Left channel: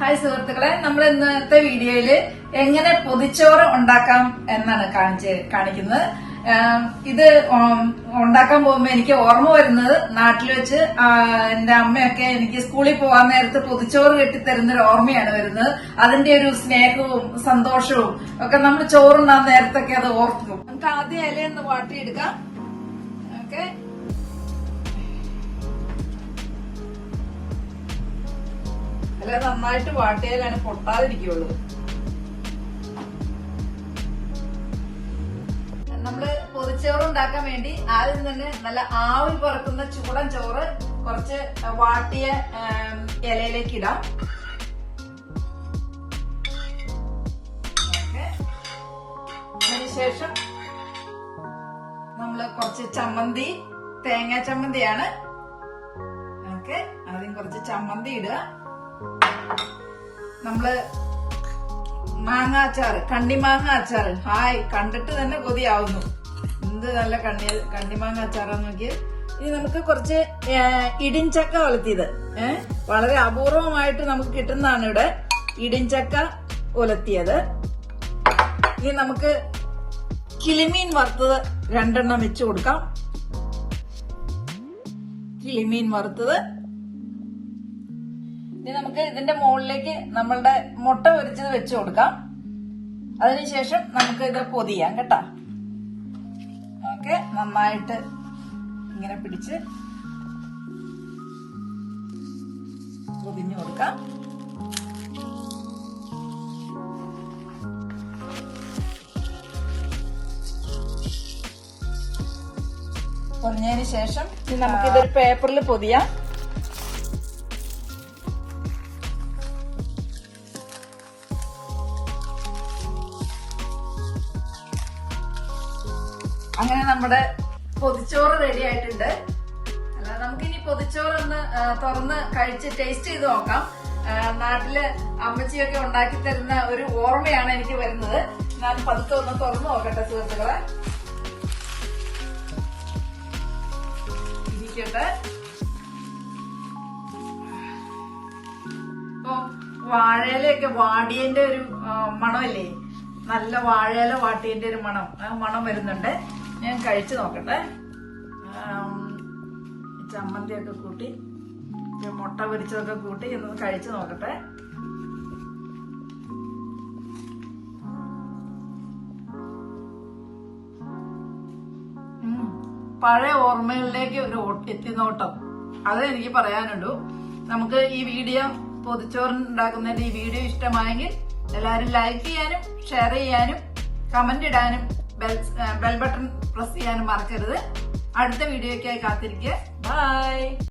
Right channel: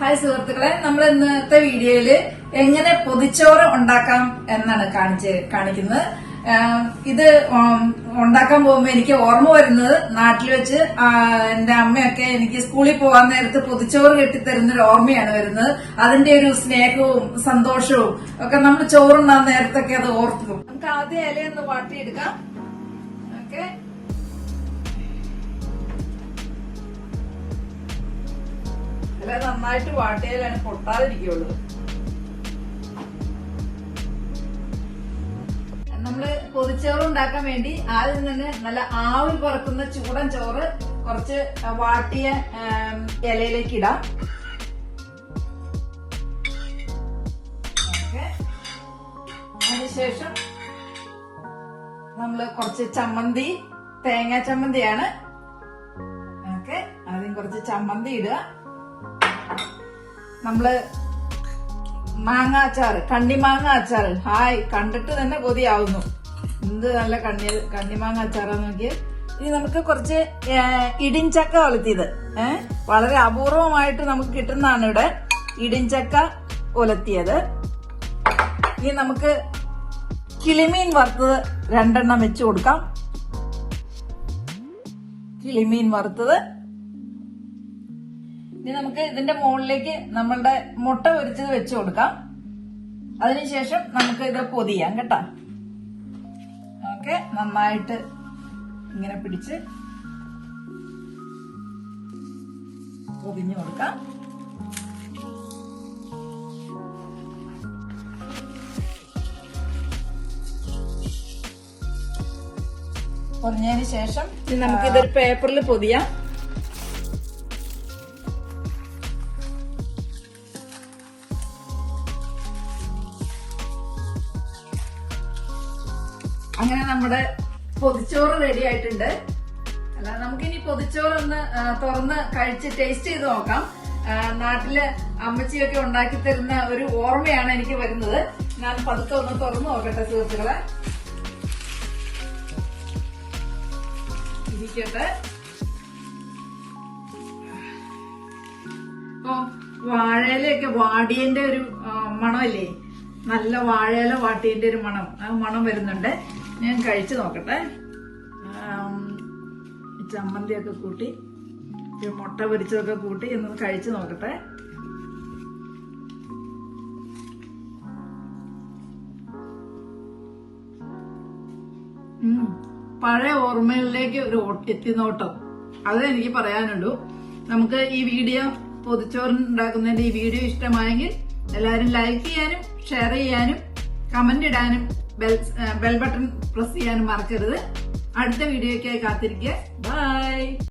Hi സുഹൃത്തുക്കളെ, നമ്മൾ ഇന്നത്തെ വീഡിയോയില് എങ്ങനെ പൊതിച്ചോറ് ഉണ്ടാക്കാം എന്നാണ് കാണിക്കുന്നത്. ഇത് ഉണ്ടാക്കാൻ പോകുമ്പോ എനിക്ക് ഓർമ്മ വരുന്നത് നാട്ടിൽ വെച്ച് എന്റെ അമ്മയൊക്കെ എനിക്ക് സ്കൂളിൽ പോകാൻ നേരത്ത് പൊതിച്ചോറ് കെട്ടിത്തരുന്നൊരു ഓർമ്മയാണ് വരുന്നത്. അതിന്റെ ഒരു സ്നേഹവും സന്തോഷവും ഒക്കെ നമ്മൾ ചോറുണ്ടാൻ നേരത്തൊക്കെ അത് ഓർക്കുന്നു. നമുക്ക് ആദ്യം ഇലയൊന്ന് വാട്ടിയെടുക്കാം. ഓക്കെ, ഇല നന്നായിട്ട് വാട്ടിയാലാണ് പൊട്ടാതിരിക്കുള്ളൂ. നമ്മള് പൊതിച്ചോറ് ഉണ്ടാക്കാൻ വേണ്ടി ആദ്യം തന്നെ നല്ല ആവി പറക്കുന്ന ചൂടൻ ചോറ് കുറച്ച് വാട്ടിയ ഇലയിലേക്ക് ഇടാം. അതിനുശേഷം നമ്മള് കുറച്ച് ചമ്മന്തി, തേങ്ങാ ചമ്മന്തിയാണ്. ഓക്കെ, ആദ്യം കുറച്ച് ചമ്മന്തി ഇടുക. നമ്മള് മാങ്ങ അച്ചാറ്, കണ്ണിമാങ്ങ അച്ചാറ്. ഹായ്, കണ്ടിട്ട് തന്നെ കൊതിയാവുന്നു. എന്ത് നല്ല കണ്ണിമാങ്ങ അച്ചാറാന്ന് നോക്കിയത്. ഇനി നമുക്ക് കുറച്ച് ഇടിഞ്ചക്ക ഒലത്തിയത്, വളരെ അപൂർവമായിട്ട് നമുക്ക് കിട്ടുന്നതാണ് ഇവിടെ ഇടിഞ്ചക്ക ഒലത്തിയത്. ഇനി നമുക്ക് കിളിമീൻ വറുത്തത് 2 എണ്ണം വെച്ച് കൊടുക്കാം. കിളിമീൻ വറുത്തത്. ഇനി നമുക്ക് ഇതിന്റെ മുകളിലേക്ക് നമ്മളുടെ മുട്ട പൊരിച്ചത് വെച്ച് കൊടുക്കാം. അതിനുശേഷം നമുക്ക് ഇത് പൊതിയാം കേട്ടോ. ഓക്കെ, നന്നായിട്ട് ഇങ്ങനെ പിടിച്ച് പൊതിഞ്ഞു കൊടുക്കാം. പൊതിഞ്ഞതിന് ശേഷം ഇനി നമുക്കിതൊരു പേപ്പറിൽ പൊതിയാം. അങ്ങനെ നമ്മുടെ പൊതിച്ചോറ് റെഡി ആയിട്ടുണ്ട്. അല്ല, നമുക്കിനി പൊതിച്ചോറൊന്ന് തുറന്ന് കഴിച്ച് ടേസ്റ്റ് ചെയ്ത് നോക്കാം. നാട്ടില് അമ്മച്ചിയൊക്കെ ഉണ്ടാക്കി തരുന്ന ഒരു ഓർമ്മയാണ് എനിക്ക് വരുന്നത്. ഞാൻ പതുക്കെ ഒന്ന് തുറന്നു നോക്കട്ടെ സുഹൃത്തുക്കളെ. ഇരിക്കട്ടെ. ഇപ്പൊ വാഴയിലൊക്കെ വാടിയന്റെ ഒരു മണമല്ലേ, നല്ല വാഴയില വാട്ടിയന്റെ ഒരു മണം, ആ മണം വരുന്നുണ്ട്. ഞാൻ കഴിച്ചു നോക്കട്ടെ. ചമ്മന്തിയൊക്കെ കൂട്ടി മുട്ട പൊരിച്ചതൊക്കെ കൂട്ടി ഒന്ന് കഴിച്ചു നോക്കട്ടെ. പഴയ ഓർമ്മകളിലേക്ക് ഒരു എത്തിനോട്ടം, അതേ എനിക്ക് പറയാനുള്ളൂ. നമുക്ക് ഈ വീഡിയോ പൊതിച്ചോറുണ്ടാക്കുന്നതിന്റെ ഈ വീഡിയോ ഇഷ്ടമായെങ്കിൽ എല്ലാവരും ലൈക്ക് ചെയ്യാനും ഷെയർ ചെയ്യാനും കമന്റ് ഇടാനും ബെൽ ബട്ടൺ പ്രസ് ചെയ്യാനും മറക്കരുത്. അടുത്ത വീഡിയോയ്ക്കായി കാത്തിരിക്കുക. ബൈ.